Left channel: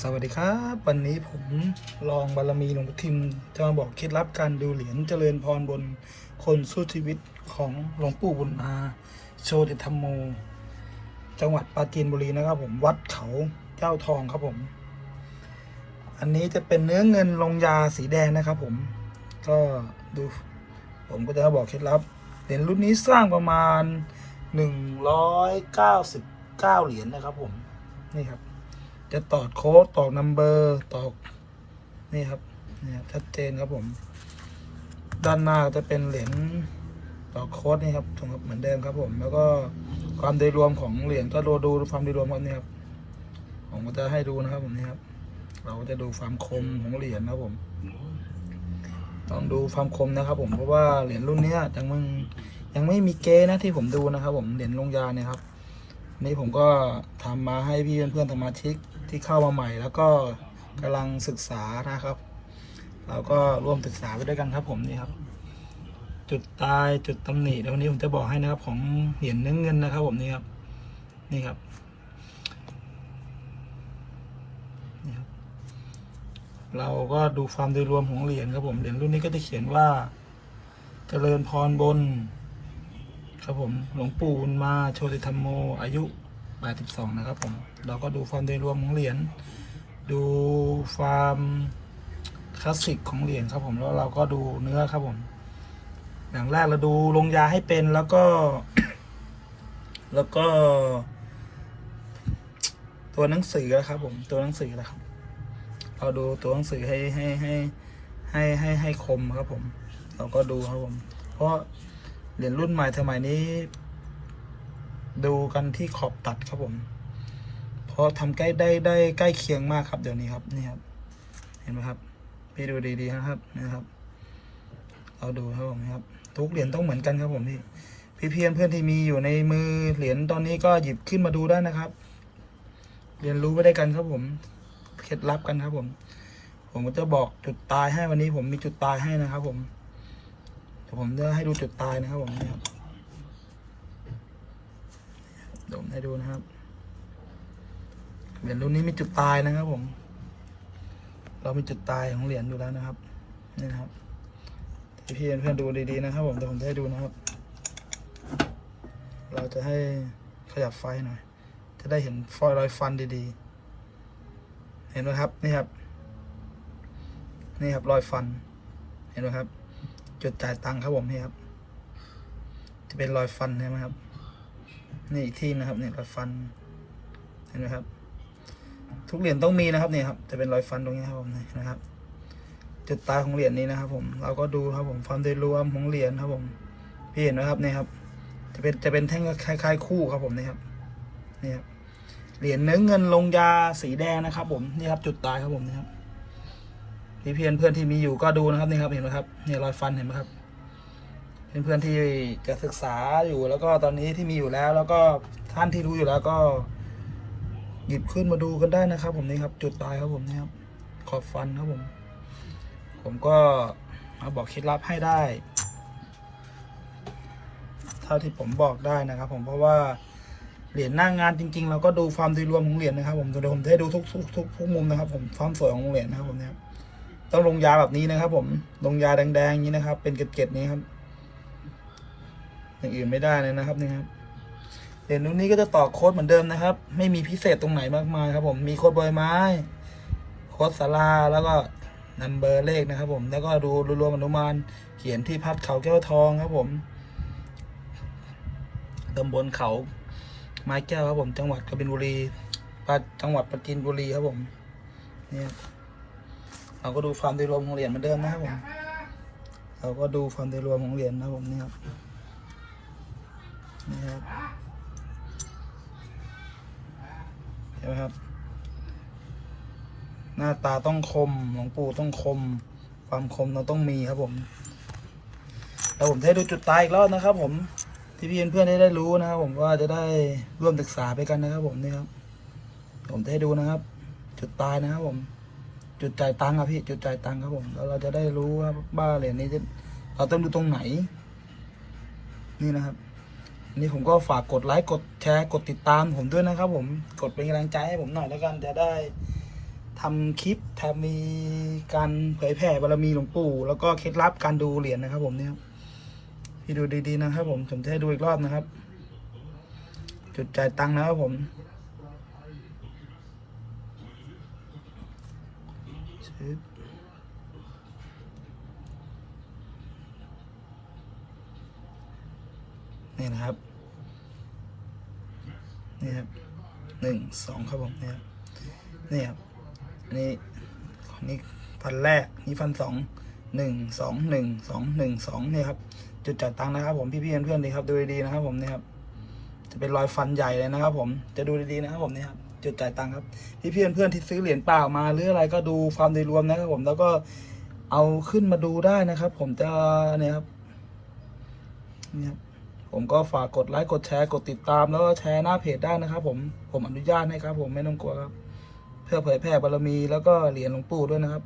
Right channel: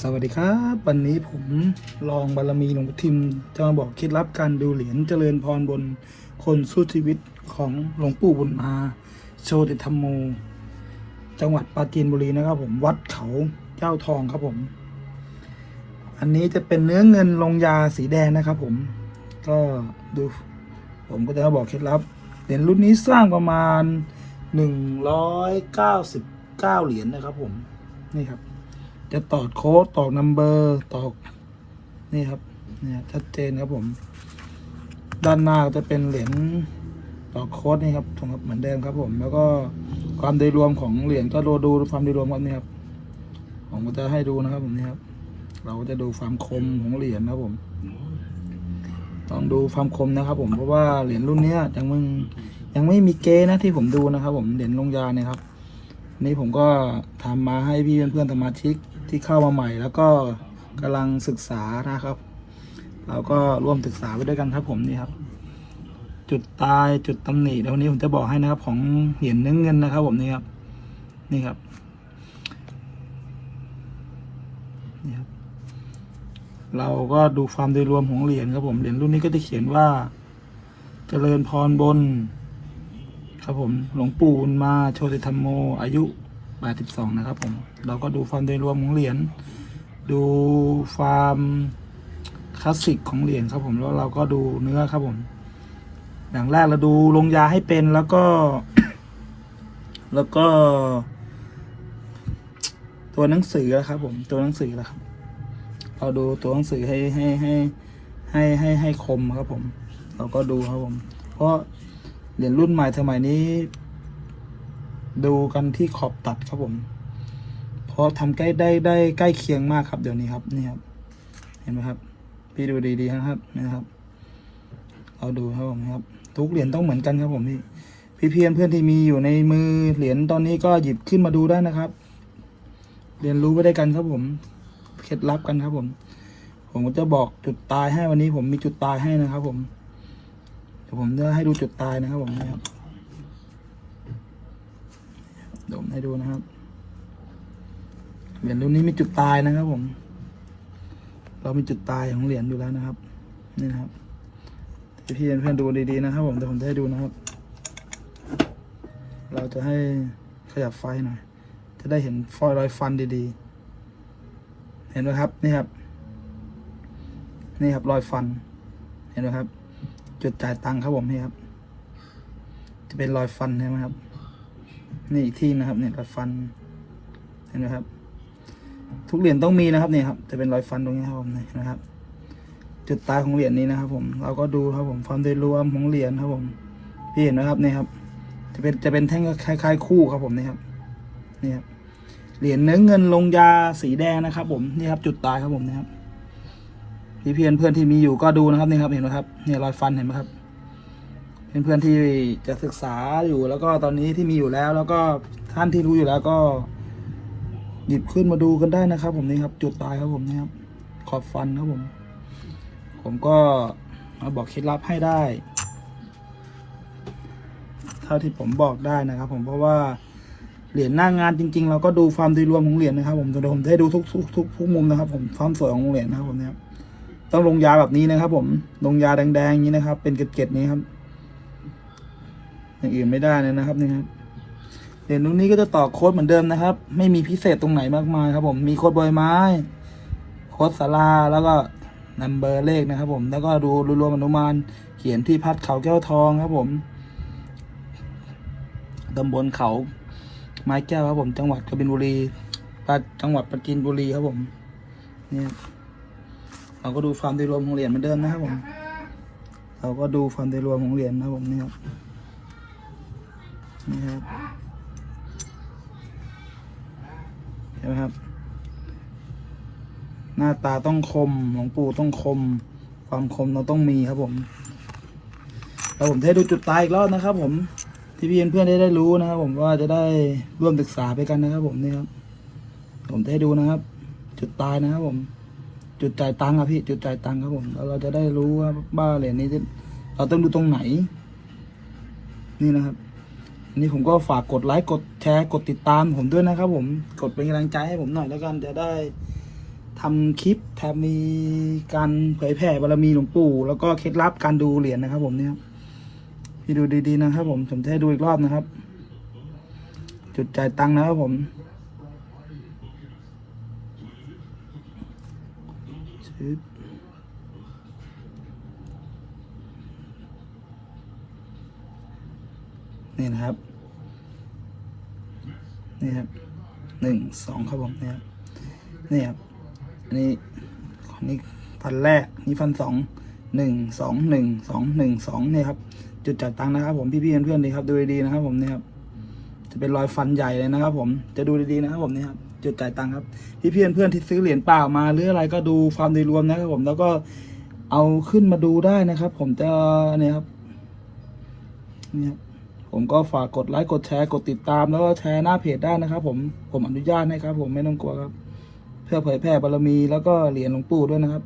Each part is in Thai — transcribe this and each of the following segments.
สวัสดีครับ วันนี้ผมลองบารมีหลวงพ่อทิมจะมาบอกเคล็ดลับการดูเหรียญเจริญพรบนคนสู้ชีวิตของหลวงปู่บุญมาโชติธรรมโม จังหวัดปราจีนบุรีนะครับผมวัดเขาเจ้าทองครับผม อันนี้จะเป็นเนื้อเงินลงยาสีแดงนะครับผม ก็ดูผมก็จะมาบอกเคล็ดลับเหรียญรุ่นนี้สร้างประมาณหนึ่งร้อยเก้าสิบเก้าเหรียญนะครับผมนี่ครับ จะตอดโค้ดตอกนัมเบอร์ตอกนี่ครับเนี่ยชัดเจนครับผม ด้านหน้าจะเป็นเหรียญตอกโค้ดนี่ครับตรงเหมือนเดิมครับผม แล้วก็ความโดยรวมของเหรียญก็ดูดูความโดยรวมกันนี่ครับผมก็จะให้ดูนะครับผมนี่ครับ เราก็จะดูความคมของเหรียญนะครับผมต้องดูความคมนะครับ ผมเพราะว่าเหรียญรุ่นเนี้ยยังมึงยังไม่มีเกนะที่ผมดูนะครับ ผมเหรียญลงยาเนี่ยครับนี้ผมก็ทำมาให้พี่เพื่อนๆสมาชิก ที่เข้ามาใหม่ แล้วก็กำลังศึกษานะครับ เราก็ร่วมศึกษาไปด้วยกันครับผมนี่ครับ จุดตายจุดตำหนิเดี๋ยววันนี้ผมจะบอกให้นะครับของเหรียญเนื้อเงินนะครับ ผมนี่ครับนี่ครับนี่ครับ เราก็ดูความโดยรวมของเหรียญครับผมเหรียญรุ่นนี้ก็จะเขียนว่า เจริญพรบน ครับผมหลวงปู่มาโชติธรรมโมอายุ 82นะครับผม เราก็ดูความโดยรวมของเหรียญ ดูความคลาสสิกของเหรียญครับผม แล้วเราก็ดูเนื้อครับผม อย่างแรกเราดูลงยาให้เป็นแล้วก็ แล้วก็ ตัวหนังสือนะครับผม ตัวหนังสือนะครับ เราดูตัวหนังสือให้ให้ให้ให้ให้ให้คมครับผม เราก็ดูครับผม เพราะเหรียญรุ่นใหม่สมัยนี้ ดูกันที่ขอบตัดครับผม เพราะทำใกล้ได้ได้ใกล้เคียงมากครับเดี๋ยวนี้ครับนี่ครับ เห็นไหมครับ พี่ดูดีๆนะครับนี่ครับเอาดูครับผมครับ ทุกเหรียญต้องเหมือนกันครับผมพี่พี่เพียนเพื่อนที่มีอยู่ในมือเหรียญตอนนี้ก็หยิบขึ้นมาดูได้นะครับ เรียนรู้ไปด้วยกันครับผมเคล็ดลับกันครับผม ผมก็จะบอกจุดตายให้วันนี้ผมมีจุดตายให้นะครับ ผมเดี๋ยวผมจะให้ดูจุดตายนะครับผมนะครับ ดี๋ยวผมให้ดูนะครับเหรียญรุ่นนี้มีจุดตายนะครับผม เรามีจุดตายของเหรียญอยู่แล้วนะครับ นี่นะครับพี่เพื่อนๆดูดีๆนะครับผมเดี๋ยวผมจะให้ดูนะครับ เราจะให้ขยับไฟหน่อย จะได้เห็นฟอยล์รอยฟันดีๆ เห็นไหมครับ นี่ครับ นี่ครับรอยฟัน เห็นไหมครับ จุดจ่ายตังค์ครับผมนี่ครับ จะเป็นรอยฟันใช่ไหมครับ นี่อีกที่นะครับเนี่ยรอยฟันเห็นไหมครับ ทุกเหรียญต้องมีนะครับเนี่ยครับ จะเป็นรอยฟันตรงนี้ครับผมนะครับ จุดตายของเหรียญนี้นะครับ ผมเราก็ดูครับผมความโดยรวมของเหรียญครับผมพี่เห็นไหมครับนี่ครับ จะเป็นจะเป็นแท่งคล้าย ๆ คู่ครับผมนี่ครับนี่ครับเหรียญเนื้อเงินลงยาสีแดงนะครับ ผมนี่ครับ จุดตายครับผมนะครับพี่เพื่อนเพื่อนที่มีอยู่ก็ดูนะครับนี่ครับเห็นไหมครับเนี่ยรอยฟันเห็นไหมครับ เพื่อนเพื่อนที่จะศึกษาอยู่แล้วก็ตอนนี้ที่มีอยู่แล้ว แล้วก็ท่านที่รู้อยู่แล้วก็ หยิบขึ้นมาดูกันได้นะครับ ผมนี่ครับ จุดตายครับผมนี่ครับ ขอบฟันครับผม ผมก็มาบอกเคล็ดลับให้ได้เท่าที่ผมบอกได้นะครับ ผมเพราะว่าเหรียญหน้างงานจริง ๆ เราก็ดูความโดยรวมของเหรียญนะครับ ผมเดี๋ยวผมจะให้ดูทุกทุกทุกทุกมุมนะครับ ผมความสวยของเหรียญนะครับผมเนี่ยต้องลงยาแบบนี้นะครับ ผมลงยาแดงๆอย่างนี้นะครับ เป็นเกล็ดๆนี้ครับ อย่างอื่นไม่ได้เลยนะครับนี่ครับเหรียญรุ่นนี้ก็จะต่อโค้ดเหมือนเดิมนะครับ ไม่มีพิเศษตรงไหนมากมายครับ ผมมีโค้ดบอยไม้ โค้ดสาราแล้วก็นัมเบอร์เลขนะครับ ผมแล้วก็ดูรวมอนุมานเขียนที่พัดเขาแก้วทองครับ ผมตำบลเขาไม้แก้วครับผมจังหวัดกบินบุรีจังหวัดปราจีนบุรีครับผมนี่เราก็ดูความโดยรวมของเหรียญเหมือนเดิมนะครับผม เราก็ดูความโดยรวมของเหรียญนะครับผมนี่ครับ นี่ครับเห็นไหมครับ หน้าตาต้องคมหลวงปู่ต้องคม ความคมเราต้องมีครับผมแล้วผมจะดูจุดตายอีกรอบนะครับ ผมที่พี่เพื่อนๆได้ได้รู้นะครับ ผมว่าจะได้ร่วมศึกษาไปกันนะครับ ผมนี่ครับผมจะให้ดูนะครับ จุดตายนะครับ ผม จุดจ่ายตังค์อะพี่จุดจ่ายตังค์ครับผมแล้วเราจะได้รู้ว่าบ้าเหรียญนี้จะเราต้องดูตรงไหน นี่นะครับ อันนี้ผมก็ฝากกดไลค์กดแชร์กดติดตามผมด้วยนะครับ ผมกดเป็นกำลังใจให้ผมหน่อยแล้วกันจะได้ทำคลิปทำมีการเผยแผ่บารมีหลวงปู่ แล้วก็เคล็ดลับการดูเหรียญนะครับ ผมเนี่ยพี่ดูดีๆนะครับ ผมผมจะให้ดูอีกรอบนะครับ จุดจ่ายตังค์นะครับผมชึบ นี่นะครับ นี่ครับหนึ่งสองครับผมนี่ครับนี่ครับอันนี้ของนี้ฟันแรกนี่ฟันสองหนึ่งสองหนึ่งสองหนึ่งสองเนี่ยครับ จุดจ่ายตังค์นะครับ ผมพี่ๆเพื่อนๆดีครับดูดีๆนะครับผมเนี่ยครับจะเป็นรอยฟันใหญ่เลยนะครับ ผมจะดูดีๆนะครับผมเนี่ยครับจุดจ่ายตังค์ครับพี่เพื่อนเพื่อนที่ซื้อเหรียญเปล่ามาหรืออะไรก็ดูความโดยรวมนะครับผมแล้วก็เอาขึ้นมาดูได้นะครับ ผมจะเนี่ยครับเนี่ยครับ ผมก็ฝากกดไลค์กดแชร์กดติดตามแล้วก็แชร์หน้าเพจได้นะครับ ผมผมอนุญาตให้ครับ ผมไม่ต้องกลัวครับ เพื่อเผยแพร่บารมีแล้วก็เหรียญหลวงปู่ด้วยนะครับ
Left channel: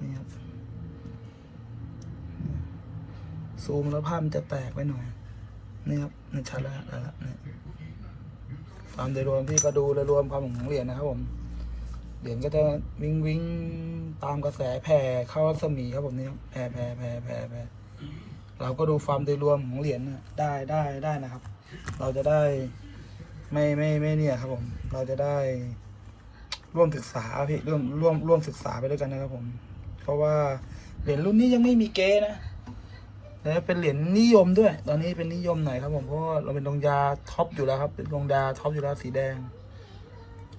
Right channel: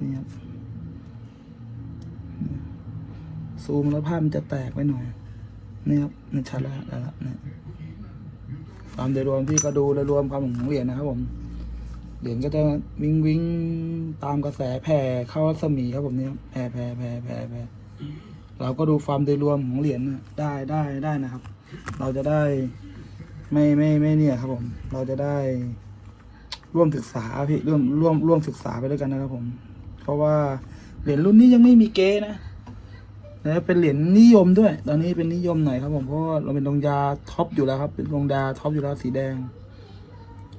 นี่ครับซูมแล้วภาพมันจะแตกไปหน่อยนี่ครับนี่ชัดแล้วแล้วละนี่ความโดยรวมพี่ก็ดูโดยรวมความของเหรียญนะครับ ผมเหรียญก็จะวิงวิงตามกระแสแผ่เข้ารัศมีครับผมนี่ยแผ่แผ่แผ่แผ่แผ่ เราก็ดูความโดยรวมของเหรียญนะได้ได้ได้นะครับ เราจะได้ไม่ไม่ไม่เนี่ยครับผม เราจะได้ร่วมศึกษาพี่ร่วมร่วมร่วมศึกษาไปด้วยกันนะครับผม เพราะว่าเหรียญรุ่นนี้ยังไม่มีเกนะแล้วเป็นเหรียญนิยมด้วย ตอนนี้เป็นนิยมหน่อยครับผมเพราะว่าเราเป็นดงยาท็อปอยู่แล้วครับ เป็นดงยาท็อปอยู่แล้วสีแดง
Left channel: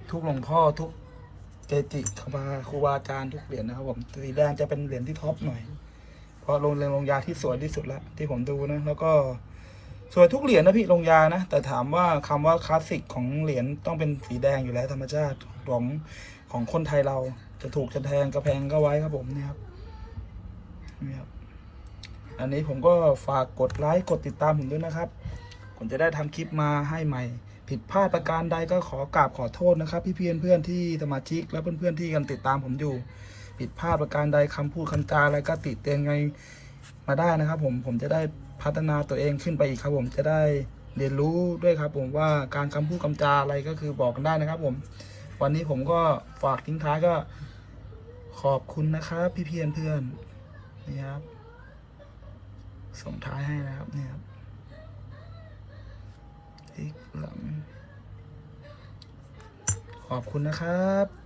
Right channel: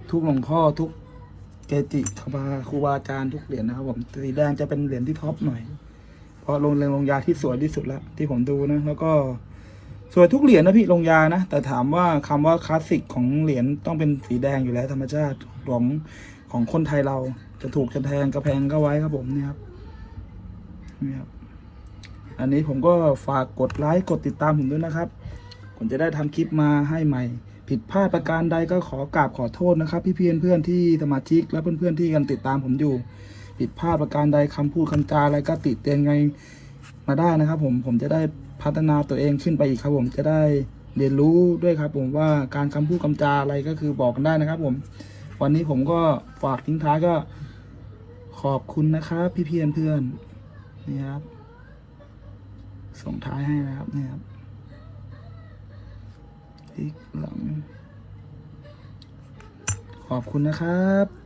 ทุกหลวงพ่อทุกเกจิครูบาครูบาอาจารย์ทุกเหรียญนะครับผมสีแดงจะเป็นเหรียญที่ท็อปหน่อย เพราะลงเรียนลงยาที่สวยที่สุดละที่ผมดูนะ แล้วก็สวยทุกเหรียญนะพี่ลงยานะ แต่ถามว่าคำว่าคลาสสิกของเหรียญต้องเป็นสีแดงอยู่แล้ว ธรรมชาติของของคนไทยเราจะถูกจะแพงกระแพงก็ไว้ครับผมเนี่ยครับนี่ครับ อันนี้ผมก็ฝากกดไลค์กดติดตามผมด้วยนะครับ ผมจะได้ทำคลิปมาให้ใหม่ ผิดพลาดประการใดก็ขอกราบขอโทษนะครับ พี่เพื่อนเพื่อนที่สมาชิกและเพื่อนเพื่อนๆที่กันติดตามผมอยู่ ผิดพลาดประการใดคำพูดคำจาอะไรก็ติเตียนไงมาได้นะครับ ผมผมจะได้พัฒนาตัวเองขึ้นไปอีกครับผมจะได้เรียนรู้ด้วยครับ ผมว่าการคำพูดคำจาอะไรก็คือบอกกันได้นะครับ ผม วันนี้ผมก็ฝากทิ้งท้ายก็ขอบคุณนะครับ พี่เพื่อนเพื่อนนี่ครับส่งท้ายให้นะครับเนี่ยครับพลิกหลังขอบคุณนะครับ